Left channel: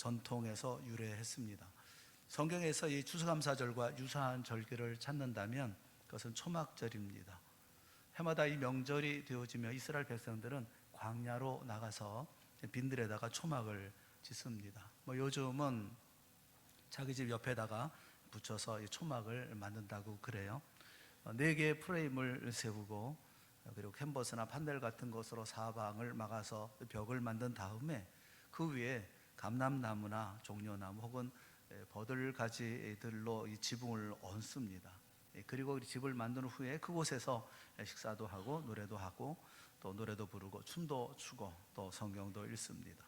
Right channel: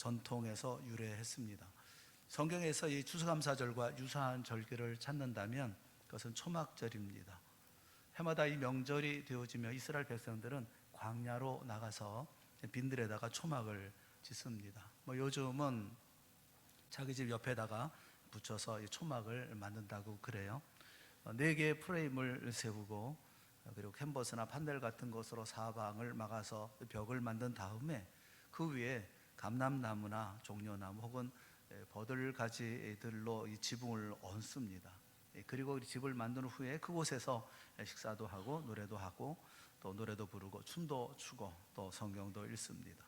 전통에서 유래했습니다. 성경에서 이 추수감사절과 유사한 절기를 찾는다면 그것은 초막절입니다. 해마다 이 명절이 되어지며 이스라엘 백성들은 광야로 나가서 빈들에다가 초막을 짓습니다. 요즘은 자기 집 옆에다가 붙여서 이 초막을 만든다고 그래요. 4개의 프레임을 세우고 그리고 캔버스나 판넬 같은 것으로 사방을 막아서 벽을 만든 다음에 그 위에 감람나무나 종려나무 혹은 버들가지들로 이 지붕을 얹습니다. 그리고 집을 만든 후에 그곳에서 식사도 하고 노래도 하고 또 노래도 부르고 춤도 추고 또 성경도 읽습니다.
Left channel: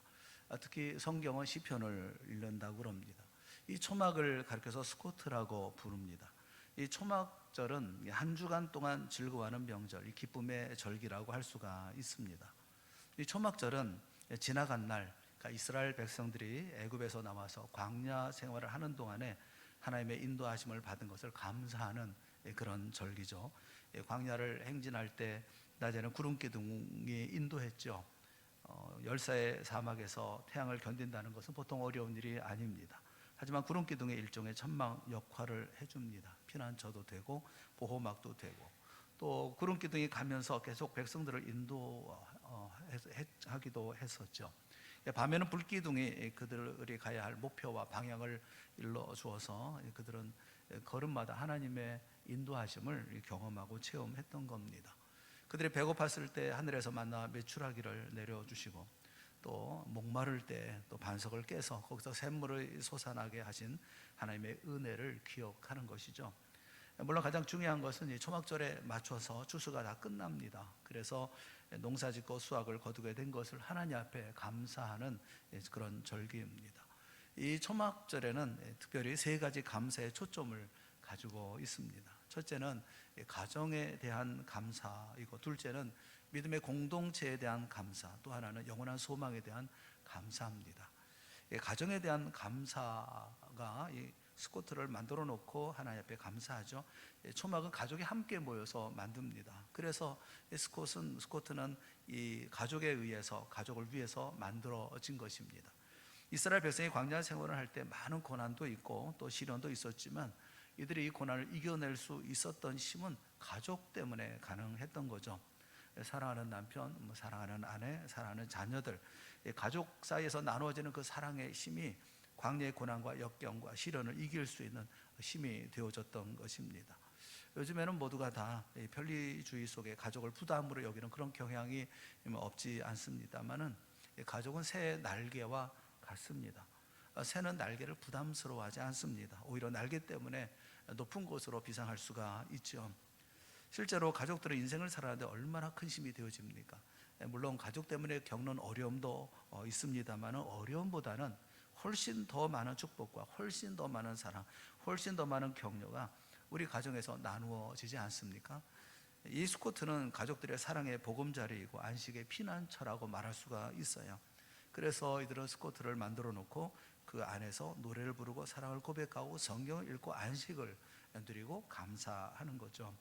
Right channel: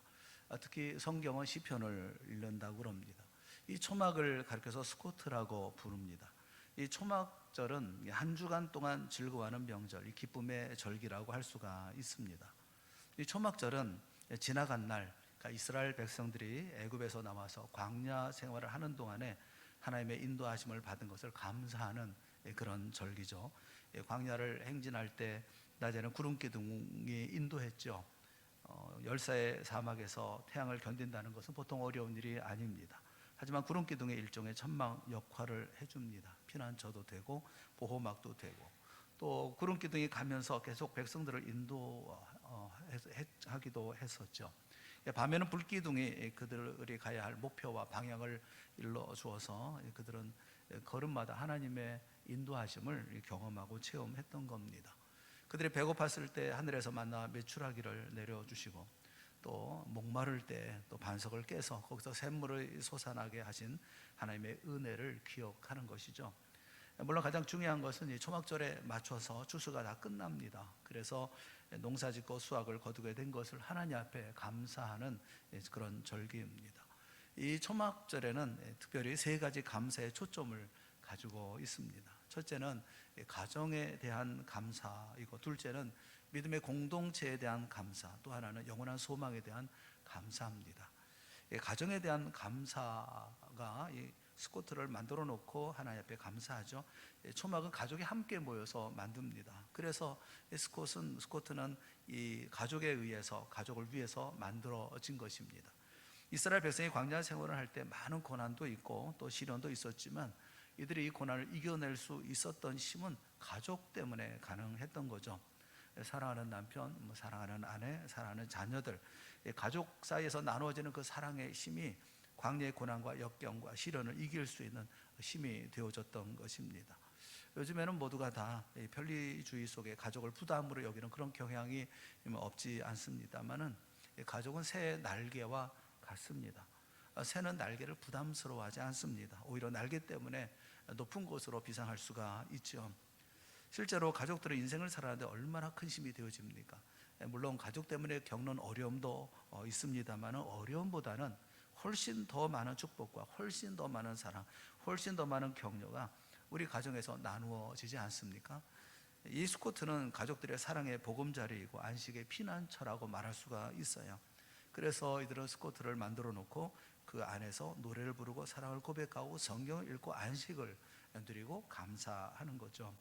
특히 성경은 시편을 읽는다고 그럽니다. 이 초막을 가리켜서 스코트라고 부릅니다. 이 초막절은 한 주간 동안 즐거워하는 명절, 이 기쁨의 절기라고 할 수가 있습니다. 이 초막절은 지나간 날, 그러니까 이스라엘 백성들이 애굽에서 나와서 광야 생활을 하는 동안에 하나님의 인도하심을 받은 것을 감사하는 그런 절기죠. 광야를 행진할 때 낮에는 구름기둥이 인도했죠. 열사의 사막에서 태양을 견딘다는 것은 보통 어려운 일이 아닙니다. 하지만 구름기둥의 일종의 천막 역할을 해줍니다. 피난처도 되고 보호막도 되고 또 구름기둥이 가면서 계속 백성들을 인도하기도 했었죠. 밤에는 불기둥이 그들이 가야 할 목표와 방향을 일러주어서 그들은 걸음마다 하나님의 인도하심을 경험하고 체험했던 겁니다. 그들이 배고팠을 때 하늘에서 만나 메추라기를 내려주시고 또 목마를 때 또 반석을 깨서 거기서 샘물을 솟아나게 하신 하나님의 은혜를 기억하는 것이죠. 물론 가장 중요한 것은 이 초막절에 맞춰서 추수가 다 끝납니다. 그래서 농사짓고 수확을 거두게 된 것을 하나님 앞에 감사하는 그런 절기입니다. 이 초막절에는 특별히 3가지 감사의 초점을 가지고 있습니다. 첫째는 가정에 대한 감사이고, 둘째는 믿음의 공동체에 대한 감사, 또 하나는 영원한 소망에 대한 감사입니다. 가정에 대한 감사가 이 스코트를 만들어 놓고 하나님 앞에 감사하죠. 초막은 가족이 함께 모여서 만듭니다. 그래서 스코트는 이 가족에 의해서, 가족을 위해서 만들어진 것입니다. 이스라엘 백성이 광야 생활을 할 때 많은 고난도 있고 또 시련도 있었지만 이들이 이 고난을 이겨낼 수 있었던 힘은 가족 때문에 가능했던 거죠. 사랑하는 남편, 사랑하는 아내, 사랑하는 자녀들, 가족 사이에서 나누어지는 그 사랑의 힘이 광야의 고난과 역경과 시련을 이길 수 있는 힘이 되어졌던 것입니다. 요즘에는 모두가 다 편리주의 속에 가족을 부담으로 여기는 그런 경향이 없지 않습니다만은 가족은 새의 날개와 같습니다. 새는 날개를 부담스러워하지 않습니다. 오히려 날개 때문에 높은 곳으로 비상할 수가 있죠. 실제로 가족들은 인생을 살아가는데 얼마나 큰 힘이 되어집니까? 물론 가족 때문에 겪는 어려움도 있습니다만 어려움보다는 훨씬 더 많은 축복과 훨씬 더 많은 사랑, 훨씬 더 많은 격려가 우리 가정에서 나누어지지 않습니까? 이 스코트는 가족들의 사랑의 보금자리이고 안식의 피난처라고 말할 수가 있어요. 그래서 이들은 스코트를 만들어 놓고 그 안에서 노래를 부르고 사랑을 고백하고 성경을 읽고 안식을 누리고 감사하는 거죠.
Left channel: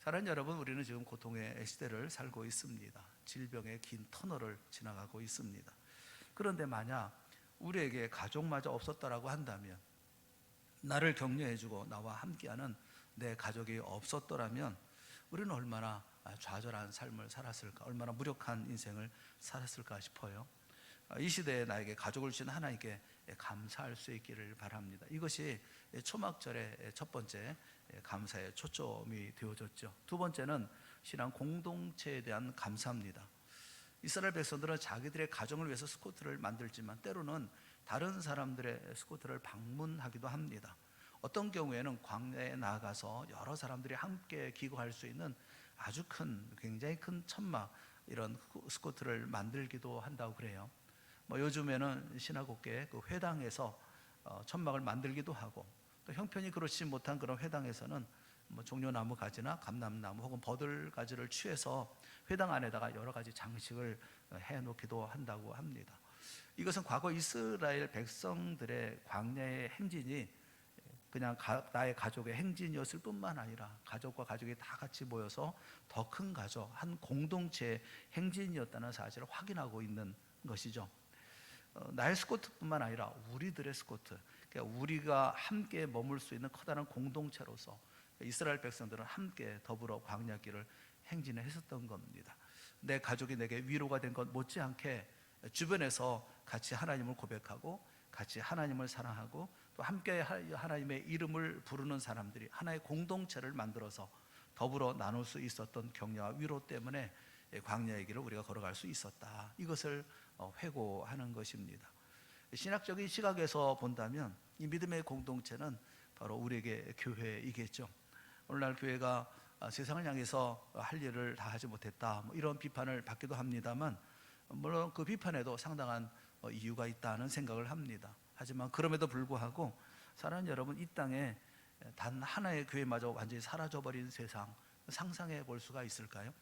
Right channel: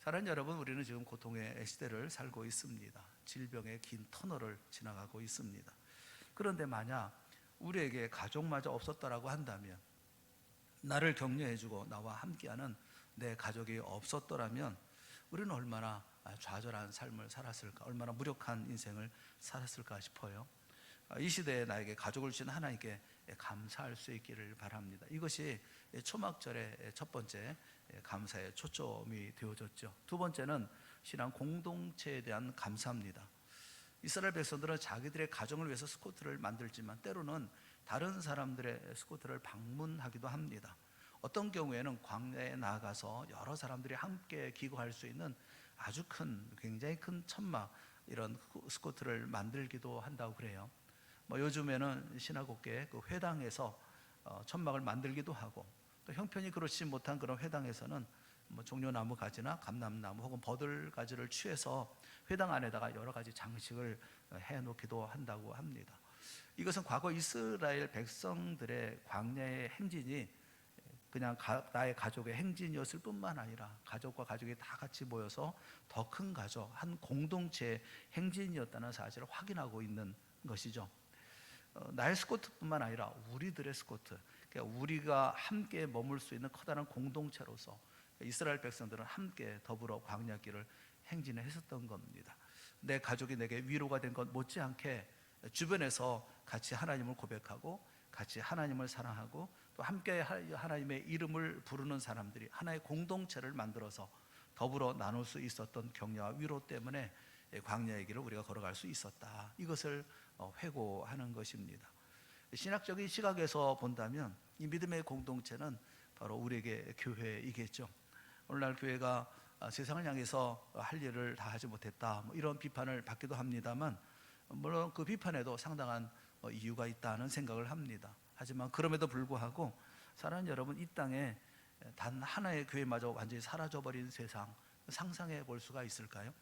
사랑하는 여러분, 우리는 지금 고통의 시대를 살고 있습니다. 질병의 긴 터널을 지나가고 있습니다. 그런데 만약 우리에게 가족마저 없었다라고 한다면, 나를 격려해주고 나와 함께하는 내 가족이 없었더라면 우리는 얼마나 좌절한 삶을 살았을까, 얼마나 무력한 인생을 살았을까 싶어요. 이 시대에 나에게 가족을 주신 하나님께 감사할 수 있기를 바랍니다. 이것이 초막절의 첫 번째 감사의 초점이 되어졌죠. 두 번째는 신앙 공동체에 대한 감사입니다. 이스라엘 백성들은 자기들의 가정을 위해서 스코트를 만들지만 때로는 다른 사람들의 스코트를 방문하기도 합니다. 어떤 경우에는 광야에 나가서 여러 사람들이 함께 기거할 수 있는 아주 큰, 굉장히 큰 천막, 이런 스코트를 만들기도 한다고 그래요. 요즘에는 신화국계 그 회당에서 천막을 만들기도 하고, 또 형편이 그렇지 못한 그런 회당에서는 종려나무 가지나 감람나무 혹은 버들가지를 취해서 회당 안에다가 여러 가지 장식을 해놓기도 한다고 합니다. 이것은 과거 이스라엘 백성들의 광야의 행진이 그냥 나의 가족의 행진이었을 뿐만 아니라 가족과 가족이 다 같이 모여서 더 큰 가족, 한 공동체의 행진이었다는 사실을 확인하고 있는 것이죠. 나의 스코트뿐만 아니라 우리들의 스코트, 그러니까 우리가 함께 머물 수 있는 커다란 공동체로서 이스라엘 백성들은 함께 더불어 광야길을 행진했었던 겁니다. 내 가족이 내게 위로가 된 것 못지않게 주변에서 같이 하나님을 고백하고 같이 하나님을 사랑하고 또 함께 하나님의 이름을 부르는 사람들이 하나의 공동체를 만들어서 더불어 나눌 수 있었던 격려와 위로 때문에 광야의 길을 우리가 걸어갈 수 있었다. 이것을 회고하는 것입니다. 신학적인 시각에서 본다면 이 믿음의 공동체는 바로 우리에게 교회이겠죠. 오늘날 교회가 세상을 향해서 할 일을 다 하지 못했다, 이런 비판을 받기도 합니다만, 물론 그 비판에도 상당한 이유가 있다는 생각을 합니다. 하지만 그럼에도 불구하고 사랑하는 여러분, 이 땅에 단 하나의 교회마저 완전히 사라져버린 세상 상상해 볼 수가 있을까요?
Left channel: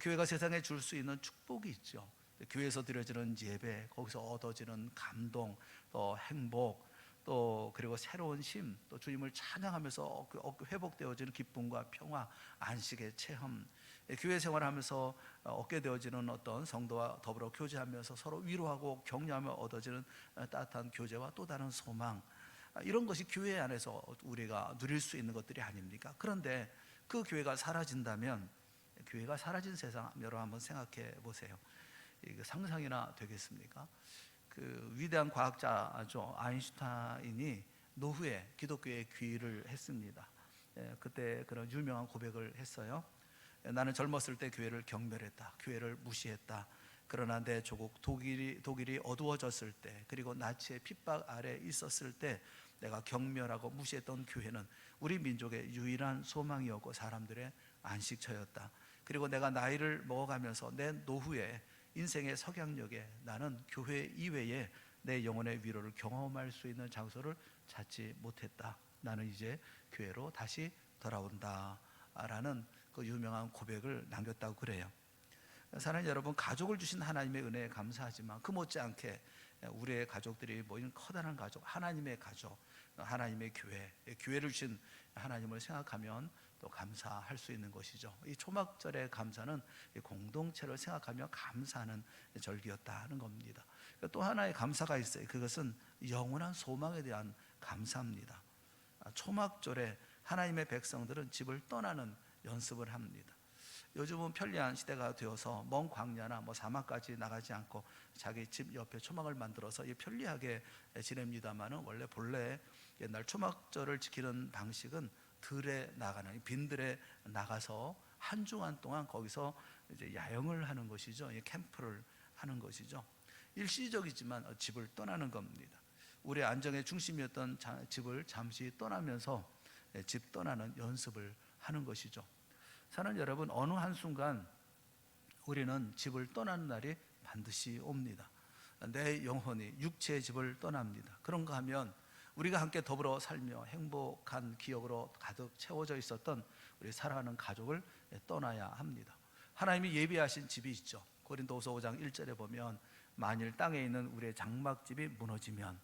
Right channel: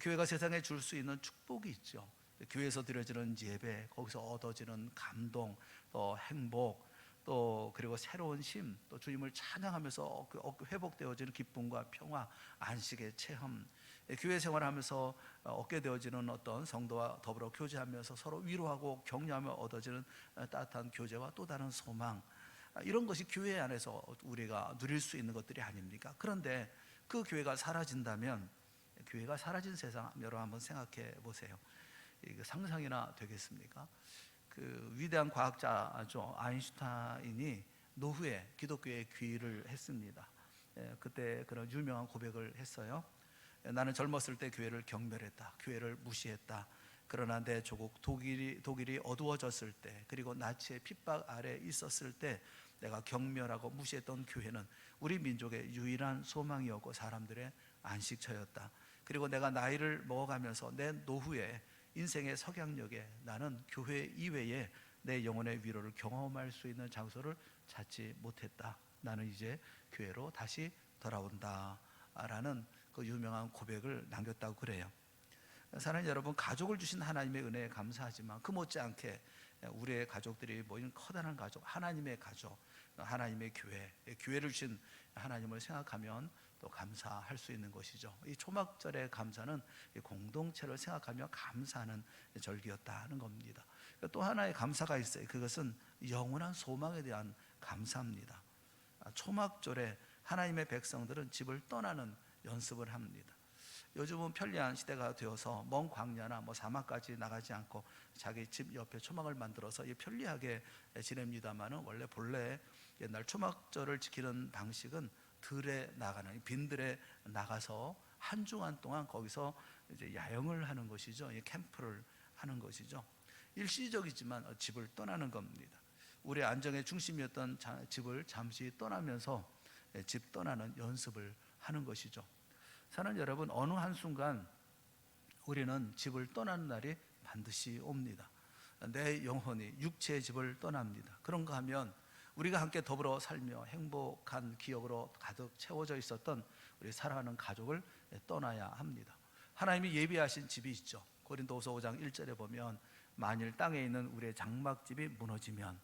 교회가 세상에 줄 수 있는 축복이 있죠. 교회에서 드려지는 예배, 거기서 얻어지는 감동, 또 행복, 또 그리고 새로운 심, 또 주님을 찬양하면서 회복되어지는 기쁨과 평화, 안식의 체험, 교회 생활하면서 얻게 되어지는 어떤 성도와 더불어 교제하면서 서로 위로하고 격려하며 얻어지는 따뜻한 교제와 또 다른 소망, 이런 것이 교회 안에서 우리가 누릴 수 있는 것들이 아닙니까? 그런데 그 교회가 사라진다면, 교회가 사라진 세상 여러분 한번 생각해 보세요. 이거 상상이나 되겠습니까? 그 위대한 과학자죠, 아인슈타인이 노후에 기독교에 귀의를 했습니다. 그때 그런 유명한 고백을 했어요. 나는 젊었을 때 교회를 경멸했다, 교회를 무시했다. 그러나 내 조국 독일이 어두워졌을 때, 그리고 나치의 핍박 아래 있었을 때 내가 경멸하고 무시했던 교회는 우리 민족의 유일한 소망이었고 사람들의 안식처였다. 그리고 내가 나이를 먹어가면서 내 노후에 인생의 석양역에 나는 교회 이외에 내 영혼의 위로를 경험할 수 있는 장소를 찾지 못했다. 나는 이제 교회로 다시 돌아온다 라는 그 유명한 고백을 남겼다고 그래요. 사랑하는 여러분, 가족을 주신 하나님의 은혜에 감사하지만 그 못지않게 우리의 가족들이 모인 커다란 가족, 하나님의 가족, 하나님의 교회, 교회를 주신 하나님을 생각하면 또 감사할 수 있는 것이죠. 이 초막절의 감사는 공동체를 생각하며 감사하는 절기였다는 겁니다. 또 하나의 감사가 있어요. 그것은 영원한 소망에 대한 감사입니다. 초막절에 하나님의 백성들은 집을 떠나는 연습을 합니다. 요즘은 편리한 시대가 되어서 먼 광야나 사막까지 나가지 않고 자기 집 옆에 초막을 만들어서 편리하게 지냅니다만은, 원래 본래 옛날 초막절을 지키는 방식은 들에 나가는, 빈들에 나가서 한 주간 동안 거기서 이제 야영을 하는 것이죠. 캠프를 하는 것이죠. 일시적이지만 집을 떠나는 겁니다. 우리의 안정의 중심이었던 집을 잠시 떠나면서 집 떠나는 연습을 하는 것이죠. 사랑하는 여러분, 어느 한순간 우리는 집을 떠나는 날이 반드시 옵니다. 내 영혼이 육체의 집을 떠납니다. 그런가 하면 우리가 함께 더불어 살며 행복한 기억으로 가득 채워져 있었던 우리 사랑하는 가족을 떠나야 합니다. 하나님이 예비하신 집이 있죠. 고린도후서 5장 1절에 보면 만일 땅에 있는 우리의 장막집이 무너지면,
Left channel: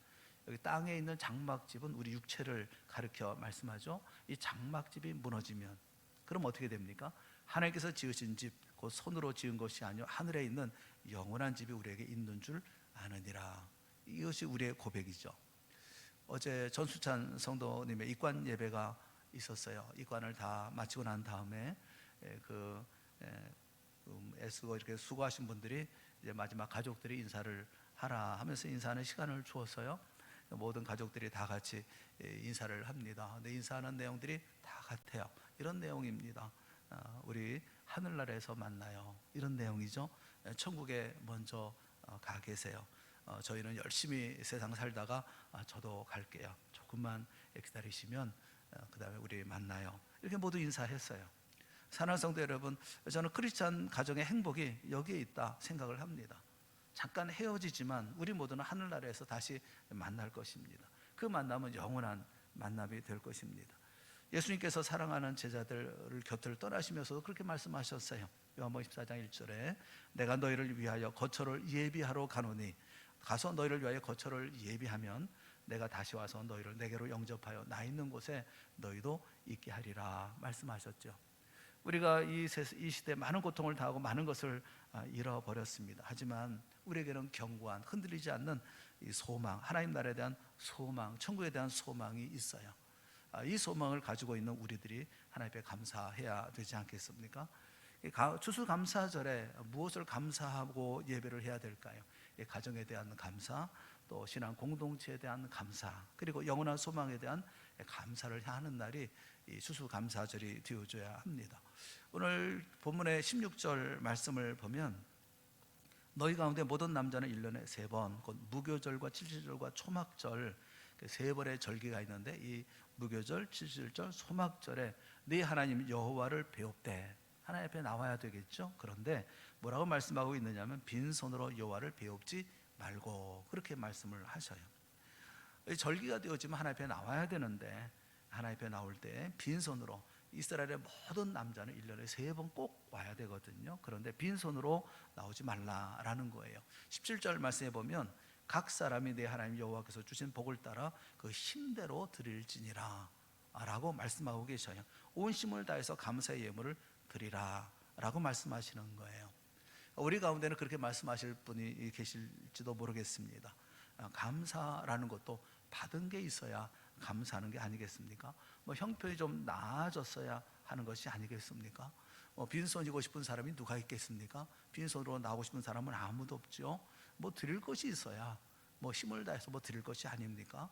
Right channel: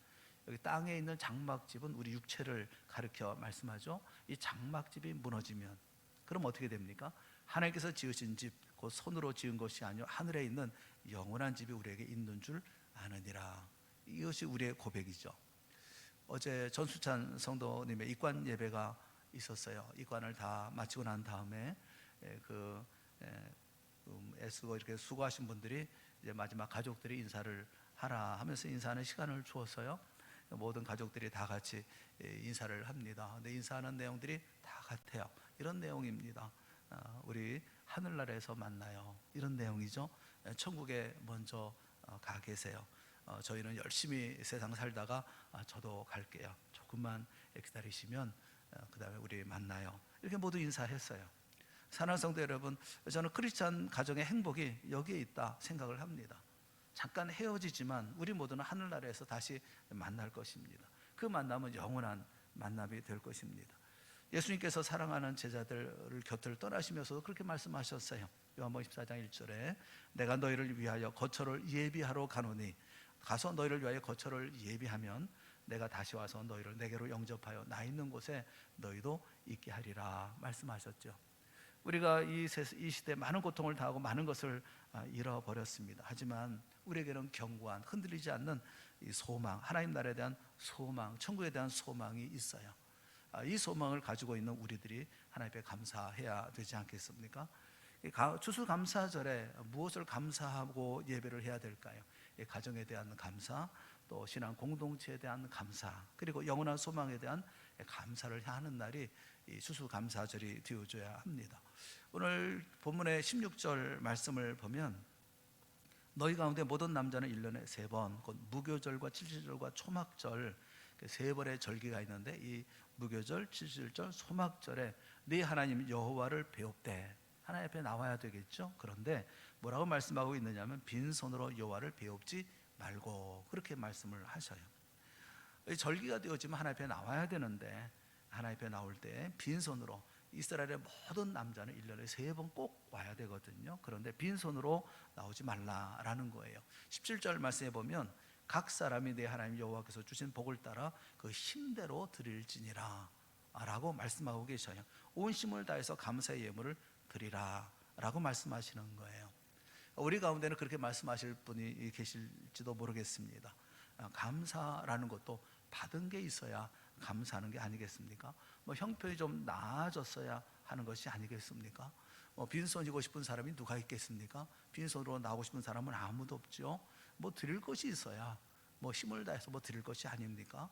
여기 땅에 있는 장막집은 우리 육체를 가리켜 말씀하죠. 이 장막집이 무너지면 그럼 어떻게 됩니까? 하나님께서 지으신 집, 곧 손으로 지은 것이 아니요 하늘에 있는 영원한 집이 우리에게 있는 줄 아느니라. 이것이 우리의 고백이죠. 어제 전수찬 성도님의 입관 예배가 있었어요. 입관을 다 마치고 난 다음에 애쓰고 이렇게 수고하신 분들이 이제 마지막 가족들이 인사를 하라 하면서 인사하는 시간을 주었어요. 모든 가족들이 다 같이 인사를 합니다. 근데 인사하는 내용들이 다 같아요. 이런 내용입니다. 우리 하늘나라에서 만나요, 이런 내용이죠. 천국에 먼저 가 계세요. 저희는 열심히 세상 살다가 저도 갈게요. 조금만 기다리시면 그 다음에 우리 만나요. 이렇게 모두 인사했어요. 사랑하는 성도 여러분, 저는 크리스찬 가정의 행복이 여기에 있다 생각을 합니다. 잠깐 헤어지지만 우리 모두는 하늘나라에서 다시 만날 것입니다. 그 만남은 영원한 만남이 될 것입니다. 예수님께서 사랑하는 제자들을 곁을 떠나시면서도 그렇게 말씀하셨어요. 요한복음 14장 1절에 내가 너희를 위하여 거처를 예비하러 가노니 가서 너희를 위하여 거처를 예비하면 내가 다시 와서 너희를 내게로 영접하여 나 있는 곳에 너희도 있게 하리라 말씀하셨죠. 우리가 이 시대에 많은 고통을 당하고 많은 것을 잃어버렸습니다. 하지만 우리에게는 견고한, 흔들리지 않는 이 소망, 하나님 나라에 대한 소망, 천국에 대한 소망이 있어요. 이 소망을 가지고 있는 우리들이 하나님 앞에 감사해야 되지 않겠습니까? 추수감사절에 무엇을 감사하고 예배를 해야 될까요? 가정에 대한 감사, 또 신앙 공동체에 대한 감사, 그리고 영원한 소망에 대한 감사를 하는 날이 이 추수감사절이 되어줘야 합니다. 오늘 본문의 16절 말씀을 보면 너희 가운데 모든 남자는 1년에 3번, 곧 무교절과 칠칠절과 초막절, 3번의 절기가 있는데 이 무교절, 칠칠절, 초막절에 네 하나님 여호와를 배웁되, 하나님 앞에 나와야 되겠죠. 그런데 뭐라고 말씀하고 있느냐면 빈손으로 여호와를 배웁지 말고, 그렇게 말씀을 하셔요. 절기가 되어지면 하나님 앞에 나와야 되는데 하나님 앞에 나올 때 빈손으로, 이스라엘의 모든 남자는 1년에 3번 꼭 와야 되거든요. 그런데 빈손으로 나오지 말라라는 거예요. 17절 말씀에 보면 각 사람이 내 하나님 여호와께서 주신 복을 따라 그 힘대로 드릴지니라 라고 말씀하고 계셔요. 온 힘을 다해서 감사의 예물을 드리라 라고 말씀하시는 거예요. 우리 가운데는 그렇게 말씀하실 분이 계실지도 모르겠습니다. 감사라는 것도 받은 게 있어야 감사하는 게 아니겠습니까? 형편이 좀 나아졌어야 하는 것이 아니겠습니까? 빈손이고 싶은 사람이 누가 있겠습니까? 빈손으로 나오고 싶은 사람은 아무도 없죠. 드릴 것이 있어야 힘을 다해서 드릴 것이 아닙니까?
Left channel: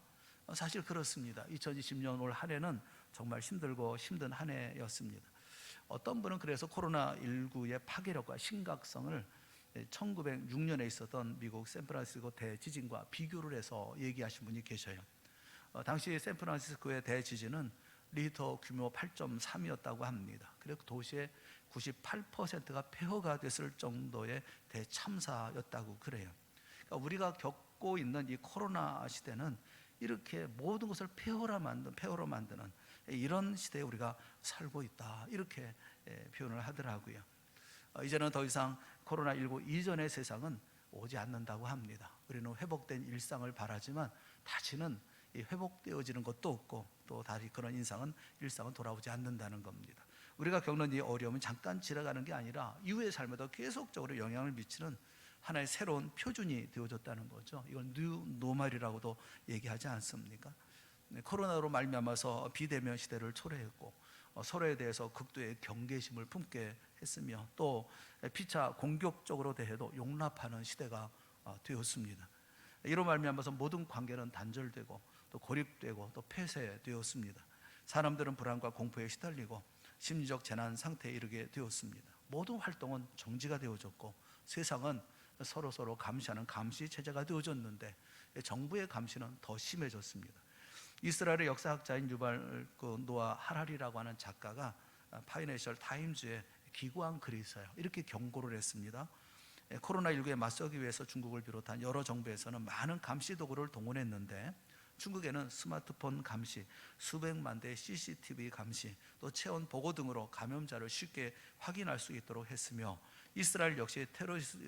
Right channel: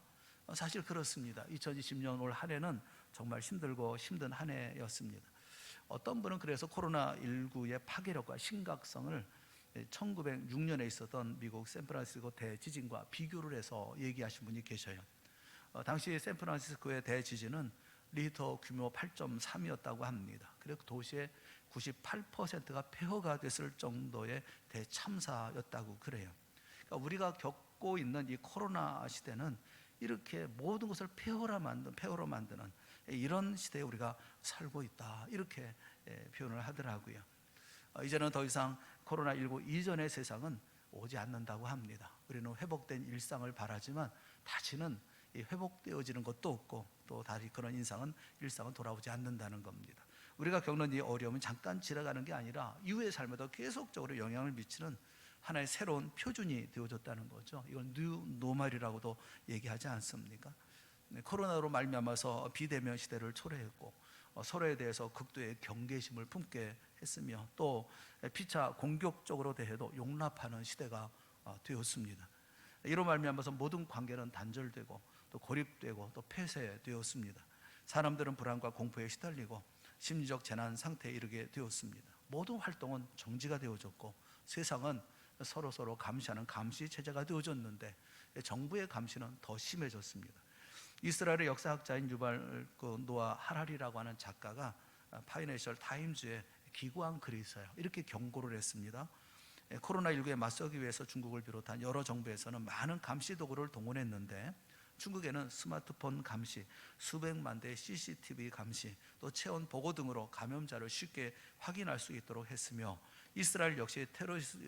사실 그렇습니다. 2020년 올 한 해는 정말 힘들고 힘든 한 해였습니다. 어떤 분은 그래서 코로나19의 파괴력과 심각성을 1906년에 있었던 미국 샌프란시스코 대지진과 비교를 해서 얘기하신 분이 계셔요. 당시 샌프란시스코의 대지진은 리히터 규모 8.3이었다고 합니다. 그리고 도시의 98%가 폐허가 됐을 정도의 대참사였다고 그래요. 그러니까 우리가 겪고 있는 이 코로나 시대는 이렇게 모든 것을 폐허로 만드는 이런 시대에 우리가 살고 있다, 이렇게 표현을 하더라고요. 이제는 더 이상 코로나19 이전의 세상은 오지 않는다고 합니다. 우리는 회복된 일상을 바라지만 다시는 회복되어지는 것도 없고 또 다시 그런 일상은 돌아오지 않는다는 겁니다. 우리가 겪는 이 어려움은 잠깐 지나가는 게 아니라 이후의 삶에도 계속적으로 영향을 미치는 하나의 새로운 표준이 되어졌다는 거죠. 이건 뉴 노멀이라고도 얘기하지 않습니까? 코로나로 말미암아서 비대면 시대를 초래했고 서로에 대해서 극도의 경계심을 품게 했으며 또 피차 공격적으로 대해도 용납하는 시대가 되었습니다. 이로 말미암아서 모든 관계는 단절되고 또 고립되고 또 폐쇄되었습니다. 사람들은 불안과 공포에 시달리고 심리적 재난 상태에 이르게 되었습니다. 모든 활동은 정지가 되어졌고 세상은 서로 감시하는 감시 체제가 되어졌는데 정부의 감시는 더 심해졌습니다. 이스라엘의 역사학자인 유발 노아 하라리라고 하는 작가가 파이낸셜 타임즈에 기고한 글이 있어요. 이렇게 경고를 했습니다. 코로나19에 맞서기 위해서 중국을 비롯한 여러 정부에서는 많은 감시 도구를 동원했는데 중국에는 스마트폰 감시, 수백만 대의 CCTV 감시, 또 체온 보고 등으로 감염자를 쉽게 확인할 수 있도록 했으며 이스라엘 역시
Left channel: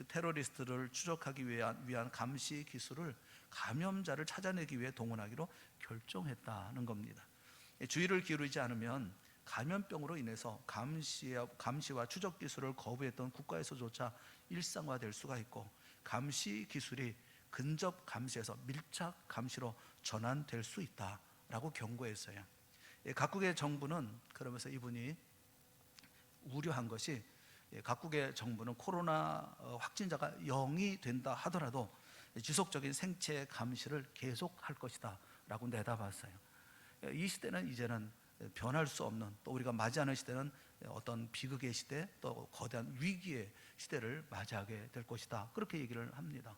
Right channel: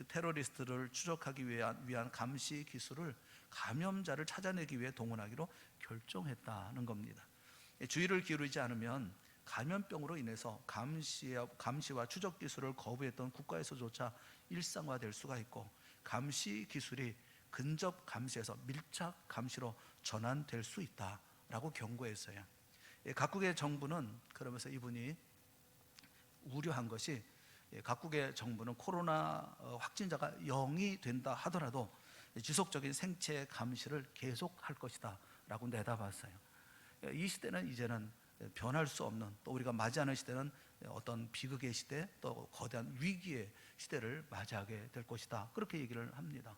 테러리스트를 추적하기 위한 감시 기술을 감염자를 찾아내기 위해 동원하기로 결정했다는 겁니다. 주의를 기울이지 않으면 감염병으로 인해서 감시와 추적 기술을 거부했던 국가에서조차 일상화될 수가 있고 감시 기술이 근접 감시에서 밀착 감시로 전환될 수 있다라고 경고했어요. 각국의 정부는 그러면서 이분이 우려한 것이 각국의 정부는 코로나 확진자가 0이 된다 하더라도 지속적인 생체 감시를 계속할 것이다 라고 내다봤어요. 이 시대는 이제는 변할 수 없는, 또 우리가 맞이하는 시대는 어떤 비극의 시대, 또 거대한 위기의 시대를 맞이하게 될 것이다, 그렇게 얘기를 합니다.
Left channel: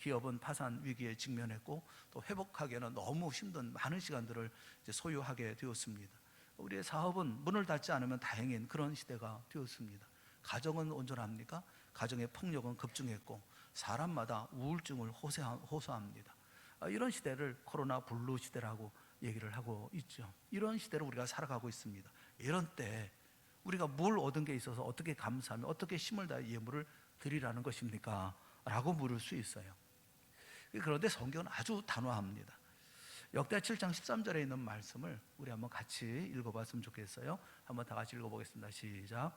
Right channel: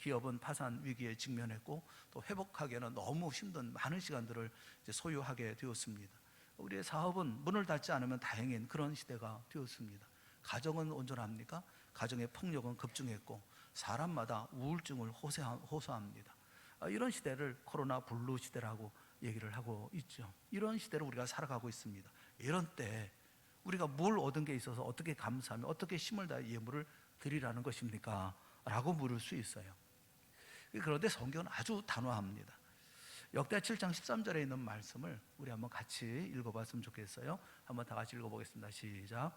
기업은 파산 위기에 직면했고 또 회복하기에는 너무 힘든 많은 시간들을 소요하게 되었습니다. 우리의 사업은 문을 닫지 않으면 다행인 그런 시대가 되었습니다. 가정은 온전합니까? 가정의 폭력은 급증했고 사람마다 우울증을 호소합니다. 이런 시대를 코로나 블루 시대라고 얘기를 하고 있죠. 이런 시대를 우리가 살아가고 있습니다. 이런 때 우리가 뭘 얻은 게 있어서 어떻게 감사하며 어떻게 힘을 다해 예물을 드리라는 것입니까? 라고 물을 수 있어요. 그런데 성경은 아주 단호합니다. 역대 7장 13절에 있는 말씀을 우리 한번 같이 읽어봤으면 좋겠어요. 한번 다 같이 읽어보겠습니다. 시작.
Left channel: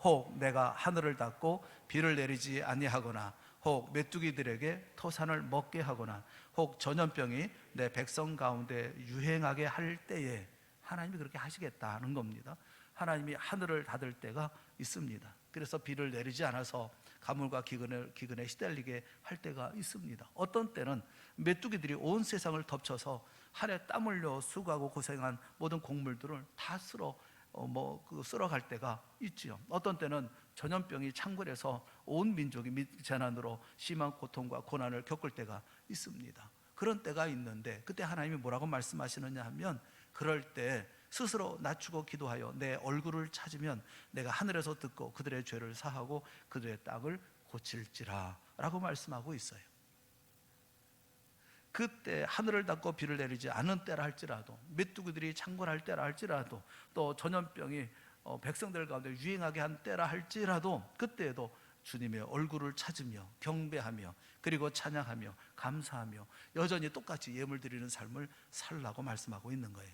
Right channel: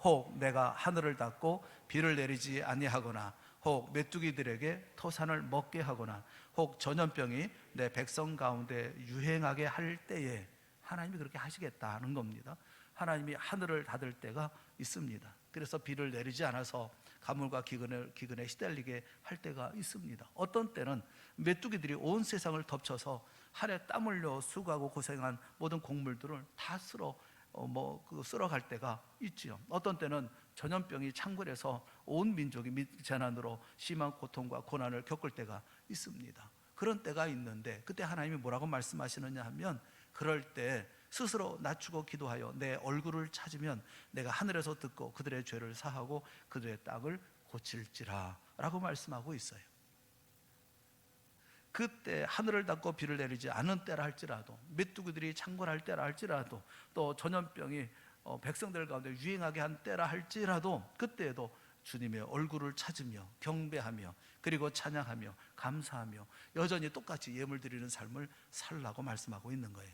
혹 내가 하늘을 닫고 비를 내리지 아니하거나 혹 메뚜기들에게 토산을 먹게 하거나 혹 전염병이 내 백성 가운데 유행하게 할 때에 하나님이 그렇게 하시겠다는 겁니다. 하나님이 하늘을 닫을 때가 있습니다. 그래서 비를 내리지 않아서 가물과 기근에 시달리게 할 때가 있습니다. 어떤 때는 메뚜기들이 온 세상을 덮쳐서 한 해 땀 흘려 수고하고 고생한 모든 곡물들을 다 쓸어갈 때가 있지요. 어떤 때는 전염병이 창궐해서 온 민족이 재난으로 심한 고통과 고난을 겪을 때가 있습니다. 그런 때가 있는데 그때 하나님이 뭐라고 말씀하시느냐 하면, 그럴 때 스스로 낮추고 기도하여 내 얼굴을 찾으면 내가 하늘에서 듣고 그들의 죄를 사하고 그들의 땅을 고칠지라 라고 말씀하고 있어요. 그때 하늘을 닫고 비를 내리지 않은 때라 할지라도, 메뚜기들이 창궐할 때라 할지라도, 또 전염병이 백성들 가운데 유행하게 한 때라 할지라도, 그때에도 주님의 얼굴을 찾으며 경배하며 그리고 찬양하며 감사하며 여전히 똑같이 예물 드리는 삶을 살라고 말씀하고 있는 거예요.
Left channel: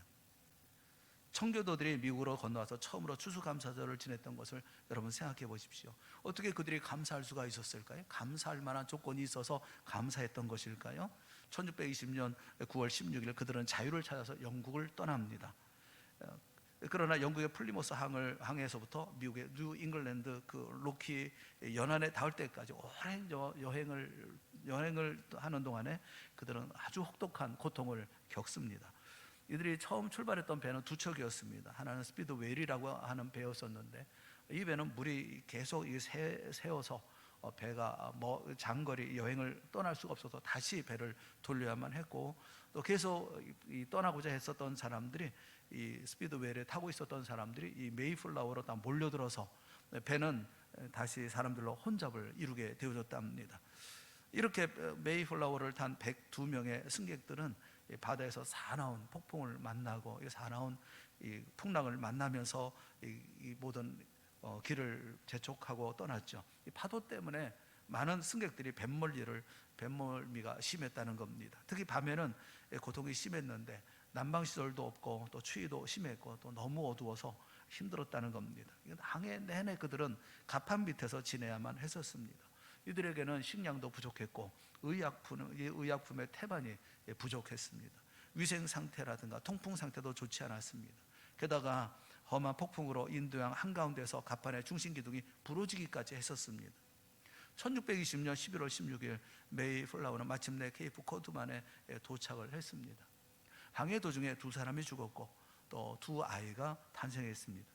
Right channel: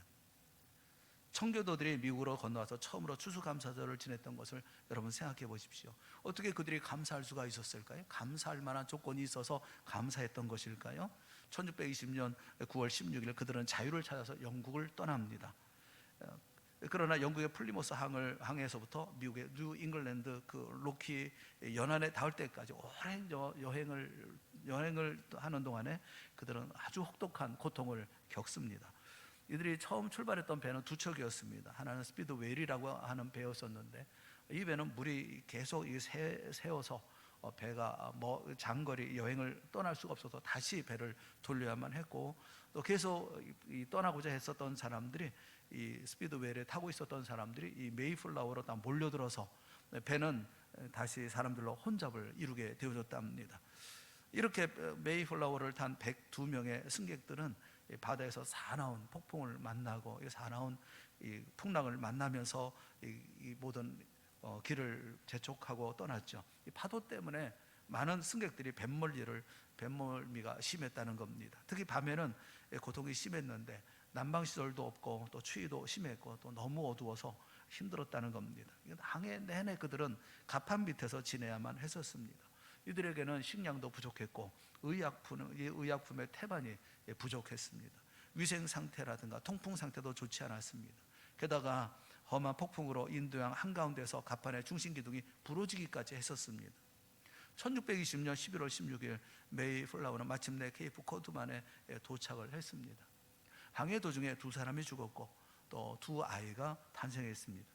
청교도들이 미국으로 건너와서 처음으로 추수감사절을 지냈던 것을 여러분 생각해 보십시오. 어떻게 그들이 감사할 수가 있었을까요? 감사할 만한 조건이 있어서 감사했던 것일까요? 1620년 9월 16일 그들은 자유를 찾아서 영국을 떠납니다. 그러나 영국의 플리모스 항에서부터 미국의 뉴 잉글랜드 그 로키 연안에 닿을 때까지 오랜 여행을 하는 동안에 그들은 아주 혹독한 고통을 겪습니다. 이들이 처음 출발했던 배는 두 척이었습니다. 하나는 스피드 웨일이라고 하는 배였었는데, 이 배는 물이 계속 새어서 배가 장거리 여행을 떠날 수가 없어서 다시 배를 돌려야만 했고, 또 계속 떠나고자 했었던 사람들이, 이 스피드 웨일에 타고 있었던 사람들이 이 메이플라워로 다 몰려들어서 배는 다시 사람들로 혼잡을 이루게 되어졌답니다. 이렇게 메이플라워를 탄 102명의 승객들은 바다에서 사나운 폭풍을 만나고 사나운 풍랑을 만나면서 이 모든 길을 재촉하고 떠났죠. 이 파도 때문에 많은 승객들이 뱃멀미가 심했다는 겁니다. 특히 밤에는 고통이 심했는데 난방시설도 없고 또 추위도 심했고 또 너무 어두워서 힘들었다는 겁니다. 항해 내내 그들은 가판 밑에서 지내야만 했었습니다. 이들에게는 식량도 부족했고 의약품의 태반이 부족했습니다. 위생 상태라든가 통풍 상태도 좋지 않았습니다. 게다가 험한 폭풍으로 인도양 한가운데서 가판의 중심 기둥이 부러지기까지 했었습니다. 1620년 11월 16일 메이플라워는 마침내 케이프 코드만에 도착을 했습니다. 항해 도중에 두 사람이 죽었고 또 두 아이가 탄생했습니다.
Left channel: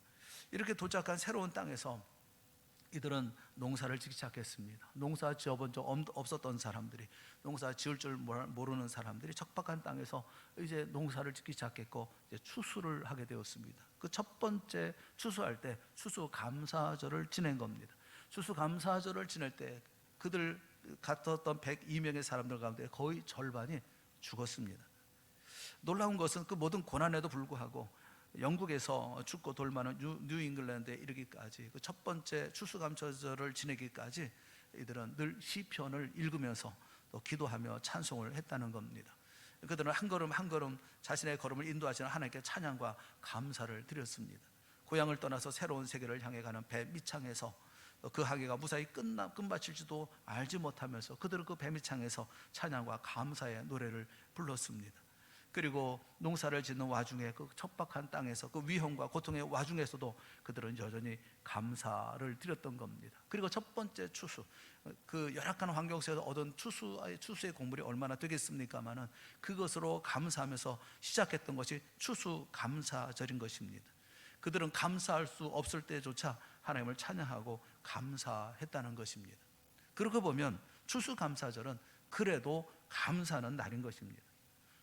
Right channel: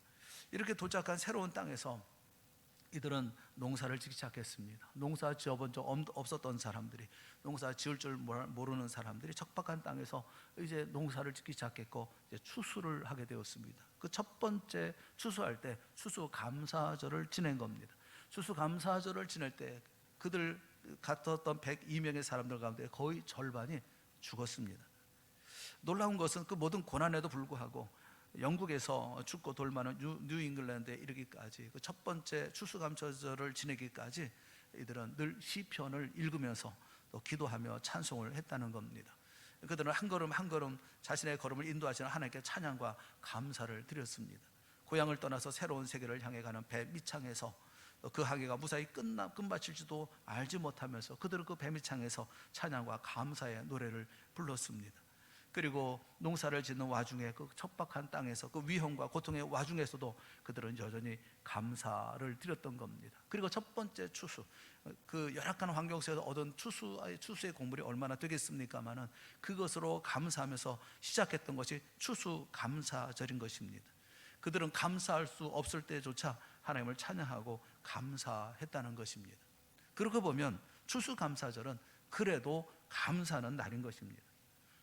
이렇게 도착한 새로운 땅에서 이들은 농사를 짓기 시작했습니다. 농사 지어본 적 없었던 사람들이, 농사 지을 줄 모르는 사람들이 척박한 땅에서 이제 농사를 짓기 시작했고 이제 추수를 하게 되었습니다. 그 첫 번째 추수할 때 추수감사절을 지낸 겁니다. 추수감사절을 지낼 때 그들 같았던 102명의 사람들 가운데 거의 절반이 죽었습니다. 놀라운 것은 그 모든 고난에도 불구하고 영국에서 춥고 돌 많은 뉴 잉글랜드에 이르기까지, 그 첫 번째 추수감사절을 지내기까지 이들은 늘 시편을 읽으면서 또 기도하며 찬송을 했다는 겁니다. 그들은 한 걸음 한 걸음 자신의 걸음을 인도하시는 하나님께 찬양과 감사를 드렸습니다. 고향을 떠나서 새로운 세계를 향해 가는 배 밑창에서 그 항해가 무사히 끝마칠지도 알지 못하면서 그들은 그 배 밑창에서 찬양과 감사의 노래를 불렀습니다. 그리고 농사를 짓는 와중에 그 척박한 땅에서 그 위험과 고통의 와중에서도 그들은 여전히 감사를 드렸던 겁니다. 그리고 첫 번째 추수, 그 열악한 환경 속에서 얻은 추수의 곡물이 얼마나 되겠습니까마는 그것으로 감사하면서 시작했던 것이 추수감사절인 것입니다. 그들은 감사할 수 없을 때조차 하나님을 찬양하고 감사했다는 것입니다. 그러고 보면 추수감사절은 그래도 감사하는 날인 것입니다.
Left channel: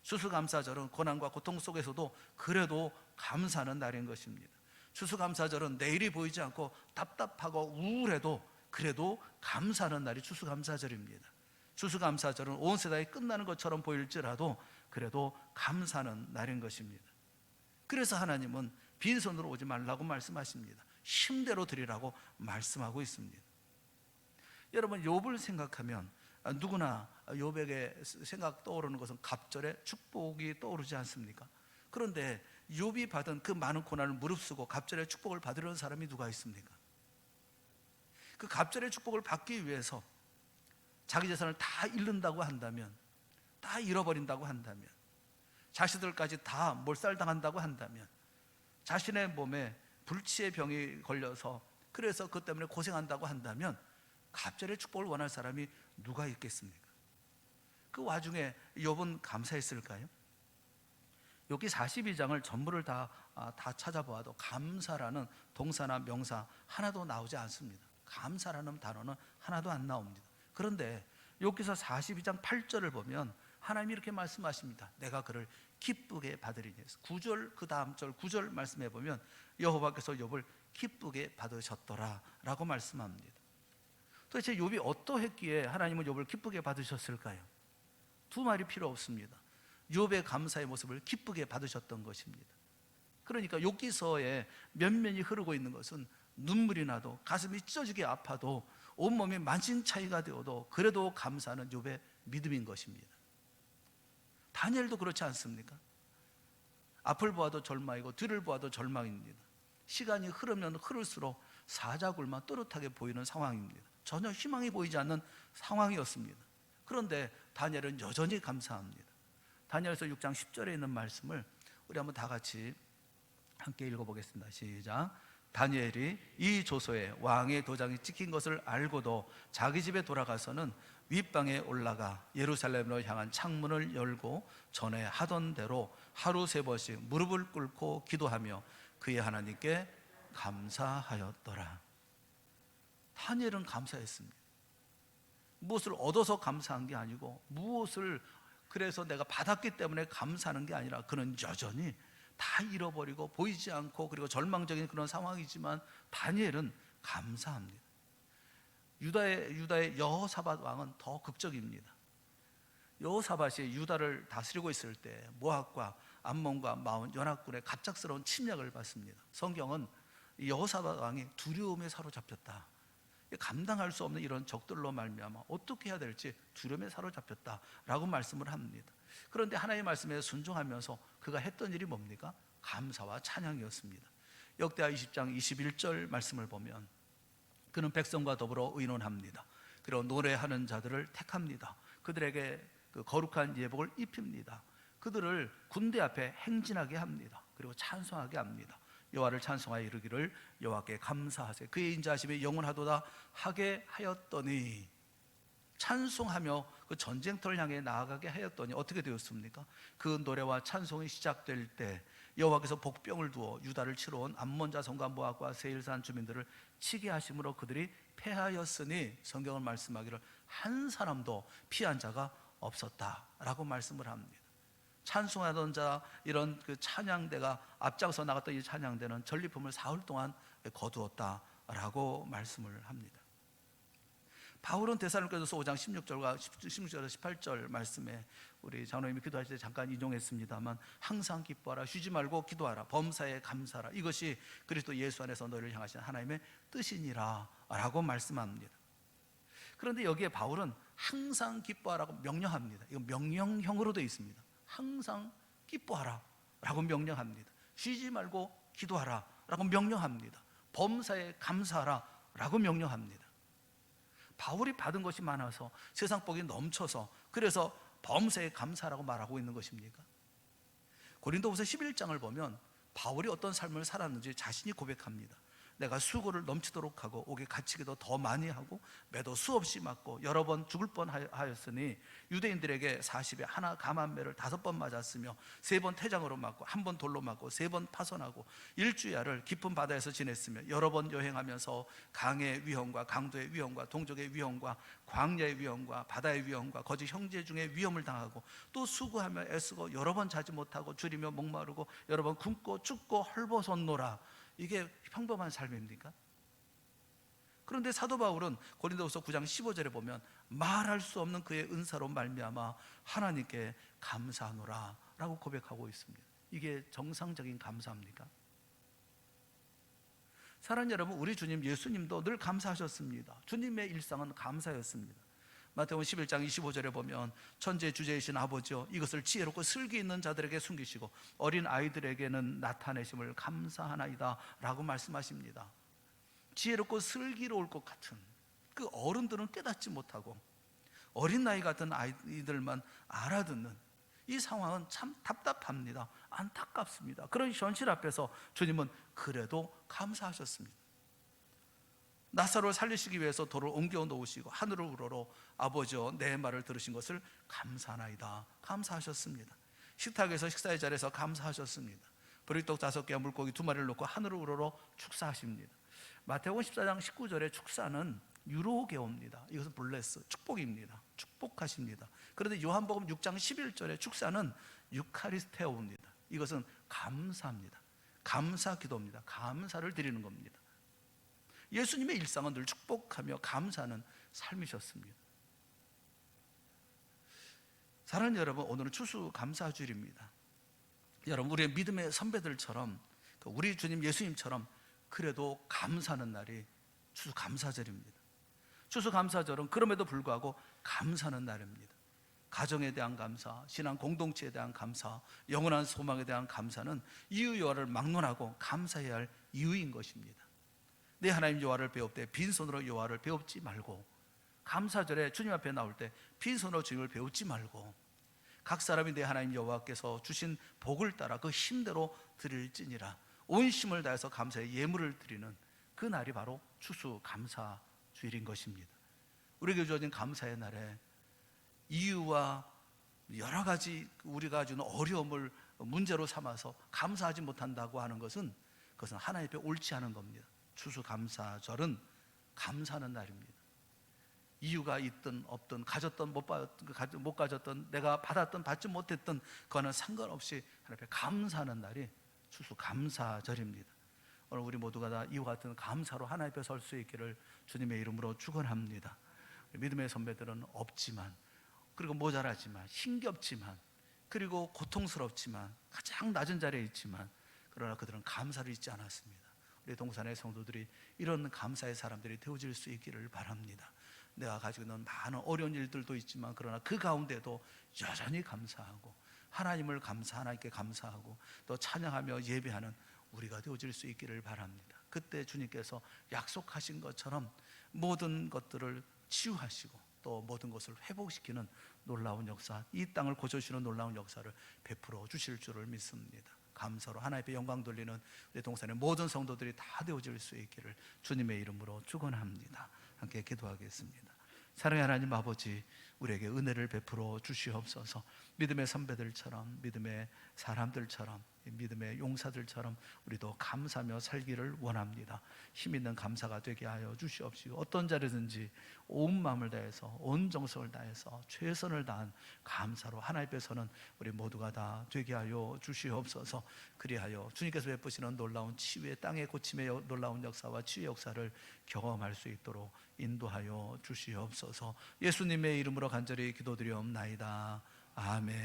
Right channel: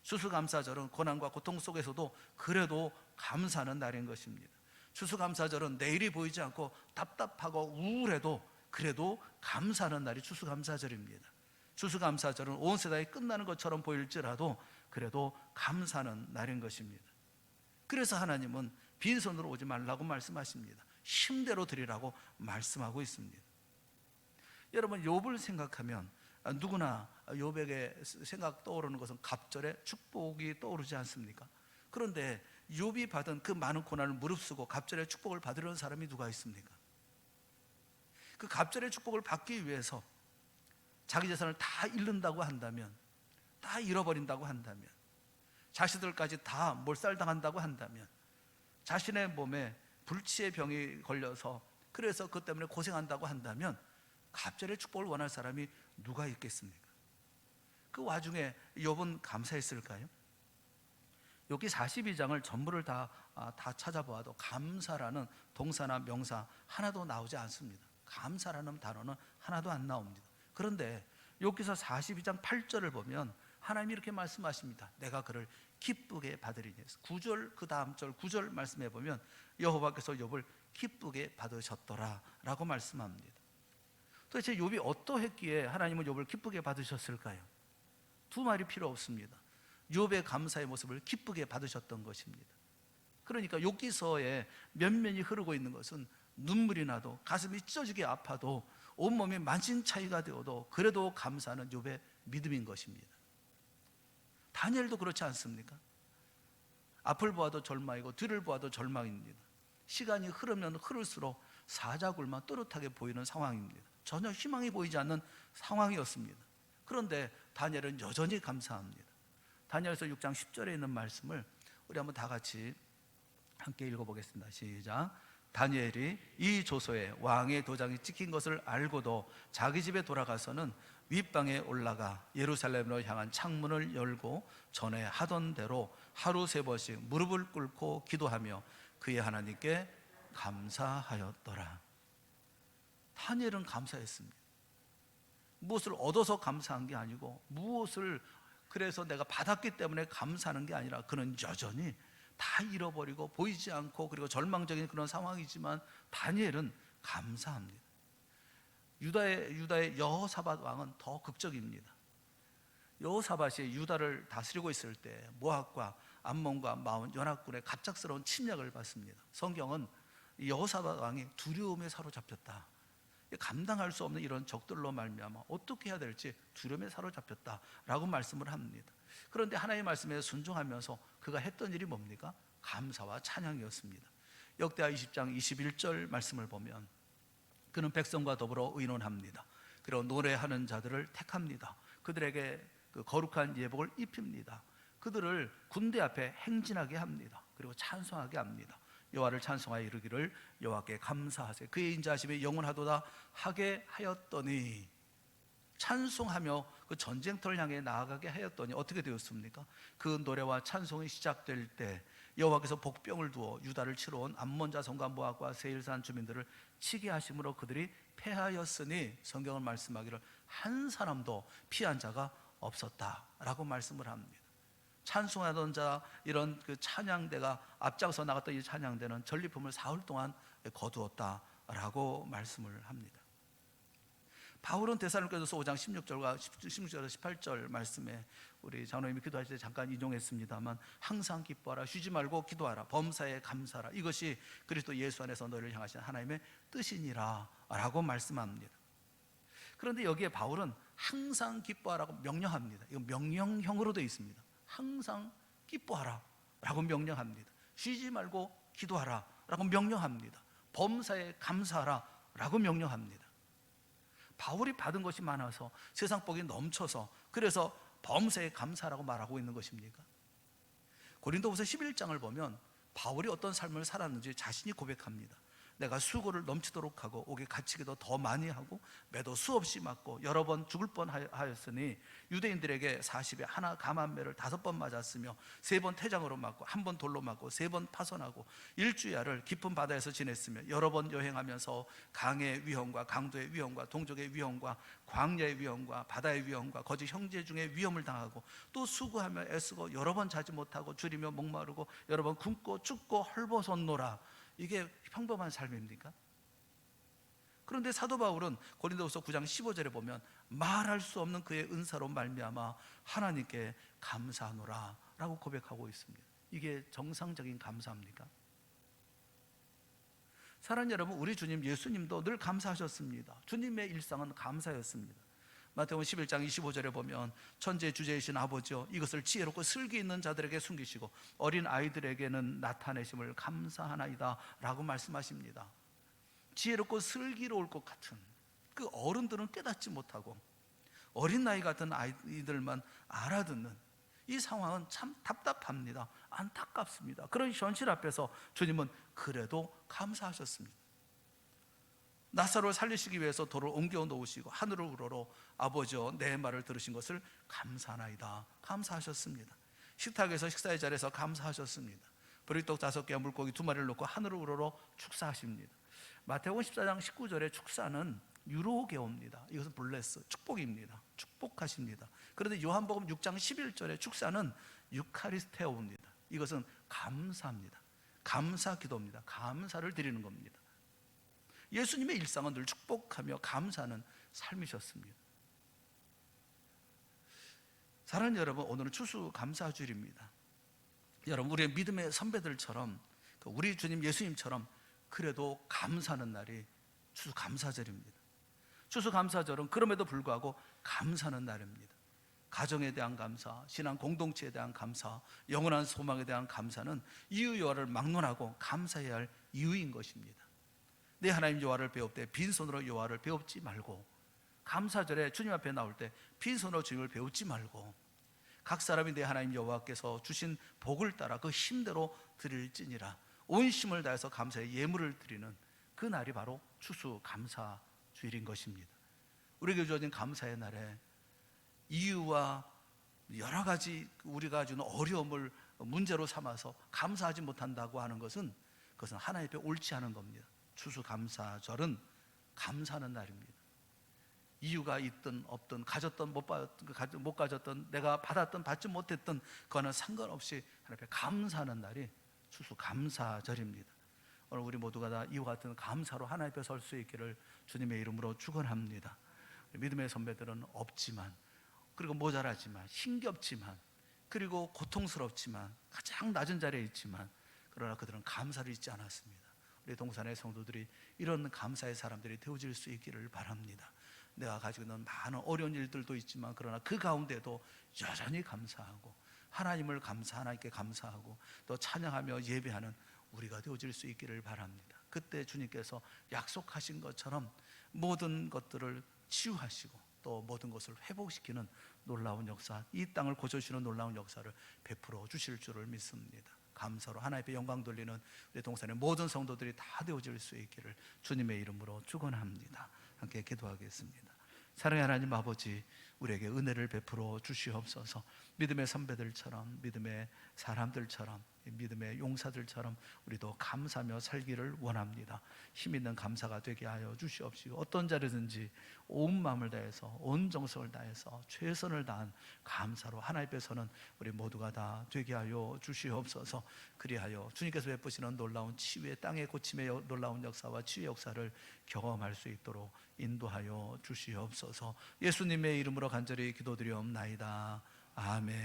추수감사절은 고난과 고통 속에서도 그래도 감사하는 날인 것입니다. 추수감사절은 내일이 보이지 않고 답답하고 우울해도 그래도 감사하는 날이 추수감사절입니다. 추수감사절은 온 세상이 끝나는 것처럼 보일지라도 그래도 감사하는 날인 것입니다. 그래서 하나님은 빈손으로 오지 말라고 말씀하십니다. 힘대로 드리라고 말씀하고 있습니다. 여러분, 욥을 생각하면 누구나 욥에게 생각 떠오르는 것은 갑절의 축복이 떠오르지 않습니까? 그런데 욥이 받은 그 많은 고난을 무릅쓰고 갑절의 축복을 받으려는 사람이 누가 있습니까? 그 갑절의 축복을 받기 위해서 자기 재산을 다 잃는다고 한다면, 다 잃어버린다고 한다면, 자식들까지 다 몰살당한다고 한다면, 자신의 몸에 불치의 병이 걸려서 그래서 그것 때문에 고생한다고 한다면 갑절의 축복을 원할 사람이 누가 있겠습니까? 그 와중에 욥은 감사했을까요? 욥기 42장을 전부를 다 찾아보아도 감사라는 동사나 명사 하나도 나오지 않습니다. 감사라는 단어는 하나도 안 나옵니다. 그런데 욥기서 42장 8절을 보면 하나님이 이렇게 말씀하십니다. 내가 그를 기쁘게 받으리니. 9절 그 다음 절 9절 말씀해 보면 여호와께서 욥을 기쁘게 받으셨더라 라고 말씀합니다. 도대체 욥이 어떠했기에 하나님은 욥을 기쁘게 받으셨을까요? 두 말이 필요 없습니다. 욥의 감사의 모습을 기쁘게 받으셨던 것입니다. 그러니까 욥기서에 면면이 흐르고 있는 것은 눈물이 나도 가슴이 찢어지게 아파도 온몸이 만신차이가 되어도 그래도 감사하는 욥의 믿음인 것입니다. 다니엘도 그렇지 않습니까? 앞을 보아도 절망이고 뒤를 보아도 절망입니다. 시간이 흐르면 흐를수록 사자굴만 또렷하게 보이는 상황입니다. 전혀 희망이 보이지 않는 상황이었습니다. 그런데 다니엘은 여전히 감사합니다. 다니엘서 6장 10절에 있는 말씀을 우리 한번 다 같이 함께 읽어보겠습니다. 시작. 다니엘이 이 조서에 왕의 도장이 찍힌 것을 알고도 자기 집에 돌아가서는 윗방에 올라가 예루살렘으로 향한 창문을 열고 전에 하던 대로 하루 3번씩 무릎을 꿇고 기도하며 그의 하나님께 감사하였더라. 다니엘은 감사했습니다. 무엇을 얻어서 감사한 게 아니고 무엇을 그래서 내가 받았기 때문에 감사하는 게 아니라 그는 여전히 다 잃어버리고 보이지 않고 그리고 절망적인 그런 상황이지만 다니엘은 감사합니다. 유다의 여호사밧 왕은 더 극적입니다. 여호사밧이 유다를 다스리고 있을 때 모압과 암몬과 마온 연합군의 갑작스러운 침략을 받습니다. 성경은 여호사밧 왕이 두려움에 사로잡혔다, 감당할 수 없는 이런 적들로 말미암아 어떻게 해야 될지 두려움에 사로잡혔다라고 말씀을 합니다. 그런데 하나님의 말씀에 순종하면서 그가 했던 일이 뭡니까? 감사와 찬양이었습니다. 역대하 20장 21절 말씀을 보면 그는 백성과 더불어 의논합니다. 그리고 노래하는 자들을 택합니다. 그들에게 그 거룩한 예복을 입힙니다. 그들을 군대 앞에 행진하게 합니다. 그리고 찬송하게 합니다. 여호와를 찬송하여 이르기를 여호와께 감사하세 그의 인자하심이 영원하도다 하게 하였더니, 찬송하며 그 전쟁터를 향해 나아가게 하였더니 어떻게 되었습니까? 그 노래와 찬송이 시작될 때 여호와께서 복병을 두어 유다를 치러 온 암몬 자손과 모압과 세일산 주민들을 치게 하심으로 그들이 패하였으니, 성경은 말씀하기를 한 사람도 피한 자가 없었다라고 말씀을 합니다. 찬송하던 자, 이런 그 찬양대가 앞장서 나갔던 이 찬양대는 전리품을 사흘 동안 거두었다라고 말씀을 합니다. 바울은 데살로니가서 5장 16절과 16절에서 18절 말씀에 우리 장로님이 기도할 때 잠깐 인용했습니다만, 항상 기뻐하라, 쉬지 말고 기도하라, 범사에 감사하라, 이것이 그리스도 예수 안에서 너희를 향하신 하나님의 뜻이니라 라고 말씀합니다. 그런데 여기에 바울은 항상 기뻐하라고 명령합니다. 이거 명령형으로 되어 있습니다. 항상 기뻐하라 라고 명령합니다. 쉬지 말고 기도하라 라고 명령합니다. 범사에 감사하라 라고 명령합니다. 바울이 받은 것이 많아서 세상 복이 넘쳐서 그래서 범사에 감사라고 말하고 있는 것입니까? 고린도후서 11장을 보면 바울이 어떤 삶을 살았는지 자신이 고백합니다. 내가 수고를 넘치도록 하고 옥에 갇히기도 더 많이 하고 매도 수없이 맞고 여러 번 죽을 뻔하였으니 유대인들에게 40에 하나 감한 매를 5번 맞았으며 3번 태장으로 맞고 1번 돌로 맞고 3번 파손하고 일주야를 깊은 바다에서 지냈으며 여러 번 여행하면서 강의 위험과 강도의 위험과 동족의 위험과 광야의 위험과 바다의 위험과 거짓 형제 중에 위험을 당하고 또 수고하며 애쓰고 여러 번 자지 못하고 줄이며 목마르고 여러 번 굶고 춥고 헐벗었노라. 이게 평범한 삶입니까? 그런데 사도 바울은 고린도후서 9장 15절에 보면 말할 수 없는 그의 은사로 말미암아 하나님께 감사하노라 라고 고백하고 있습니다. 이게 정상적인 감사입니까? 사랑하는 여러분, 우리 주님 예수님도 늘 감사하셨습니다. 주님의 일상은 감사였습니다. 마태복음 11장 25절에 보면 천지의 주제이신 아버지여 이것을 지혜롭고 슬기 있는 자들에게 숨기시고 어린 아이들에게는 나타내심을 감사하나이다 라고 말씀하십니다. 지혜롭고 슬기로울 것 같은 그 어른들은 깨닫지 못하고 어린 나이 같은 아이들만 알아듣는 이 상황은 참 답답합니다. 안타깝습니다. 그런 현실 앞에서 주님은 그래도 감사하셨습니다. 나사로를 살리시기 위해서 돌을 옮겨 놓으시고 하늘을 우러러 아버지여 내 말을 들으신 것을 감사하나이다 감사하셨습니다. 식탁에서 식사의 자리에서 감사하셨습니다. 보리떡 5개와 물고기 2마리를 놓고 하늘을 우러러 축사하십니다. 마태복음 14장 19절의 축사는 유로게오입니다. 이것은 블레스, 축복입니다. 축복하십니다. 그런데 요한복음 6장 11절의 축사는 유카리스테오입니다. 이것은 감사합니다. 감사 기도입니다. 감사를 드리는 겁니다. 예수님의 일상은 늘 축복하며 감사하는 삶이셨습니다. 사랑하는 여러분, 오늘은 추수감사주일입니다. 여러분, 우리의 믿음의 선배들처럼 우리 주님 예수님처럼 그래도 감사하는 날이 추수감사절입니다. 추수감사절은 그럼에도 불구하고 감사하는 날입니다. 가정에 대한 감사, 신앙 공동체에 대한 감사, 영원한 소망에 대한 감사는 이유 여호와를 막론하고 감사해야 할 이유인 것입니다. 내 하나님 여호와를 배웁되 빈손으로 여호와를 배웁지 말고, 감사절에 주님 앞에 나올 때 빈손으로 주님을 배우지 말고 각 사람이 내 하나님 여호와께서 주신 복을 따라 그 힘대로 드릴지니라 온 힘을 다해서 감사의 예물을 드리는 그 날이 바로 추수감사주일인 것입니다. 우리에게 주어진 감사의 날에 이유와 여러 가지 우리가 주는 어려움을 문제로 삼아서 감사하지 못한다고 하는 것은 그것은 하나님 앞에 옳지 않은 겁니다. 추수감사절은 감사하는 날입니다. 이유가 있든 없든 가졌든 못 가졌든 내가 받았든 받지 못했든 그거는 상관없이 하나님 앞에 감사하는 날이 추수감사절입니다. 오늘 우리 모두가 다 이와 같은 감사로 하나님 앞에 설 수 있기를 주님의 이름으로 축원합니다. 믿음의 선배들은 없지만, 그리고 모자라지만, 힘겹지만, 그리고 고통스럽지만, 가장 낮은 자리에 있지만, 그러나 그들은 감사를 잊지 않았습니다. 우리 동산의 성도들이 이런 감사의 사람들이 되어질 수 있기를 바랍니다. 내가 가지고 있는 많은 어려운 일들도 있지만 그러나 그 가운데도 여전히 감사하고 하나님께 감사하고 또 찬양하며 예배하는 우리가 되어질 수 있기를 바랍니다. 그때 주님께서 약속하신 것처럼 모든 것들을 치유하시고 또 모든 것을 회복시키는 놀라운 역사, 이 땅을 고쳐주시는 놀라운 역사를 베풀어 주실 줄을 믿습니다. 감사로 하나님께 영광 돌리는 우리 동산의 모든 성도들이 다 되어질 수 있기를 주님의 이름으로 축원합니다. 함께 기도하겠습니다. 사랑의 하나님 아버지, 우리에게 은혜를 베풀어 주시옵소서. 믿음의 선배들처럼, 믿음의 사람들처럼, 믿음의 용사들처럼 우리도 감사하며 살기를 원합니다. 힘 있는 감사가 되게 하여 주시옵시고, 어떤 자리든지 온 마음을 다해서, 온 정성을 다해서 최선을 다한 감사로 하나님 앞에서는 우리 모두가 다 되게 하여 주시옵소서. 그리하여 주님께서 베푸시는 놀라운 치유의, 땅의 고침의 놀라운 역사와 치유의 역사를 경험할 수 있도록 인도하여 주시옵소서. 예수님의 이름으로 간절히 기도드리옵나이다. 아멘.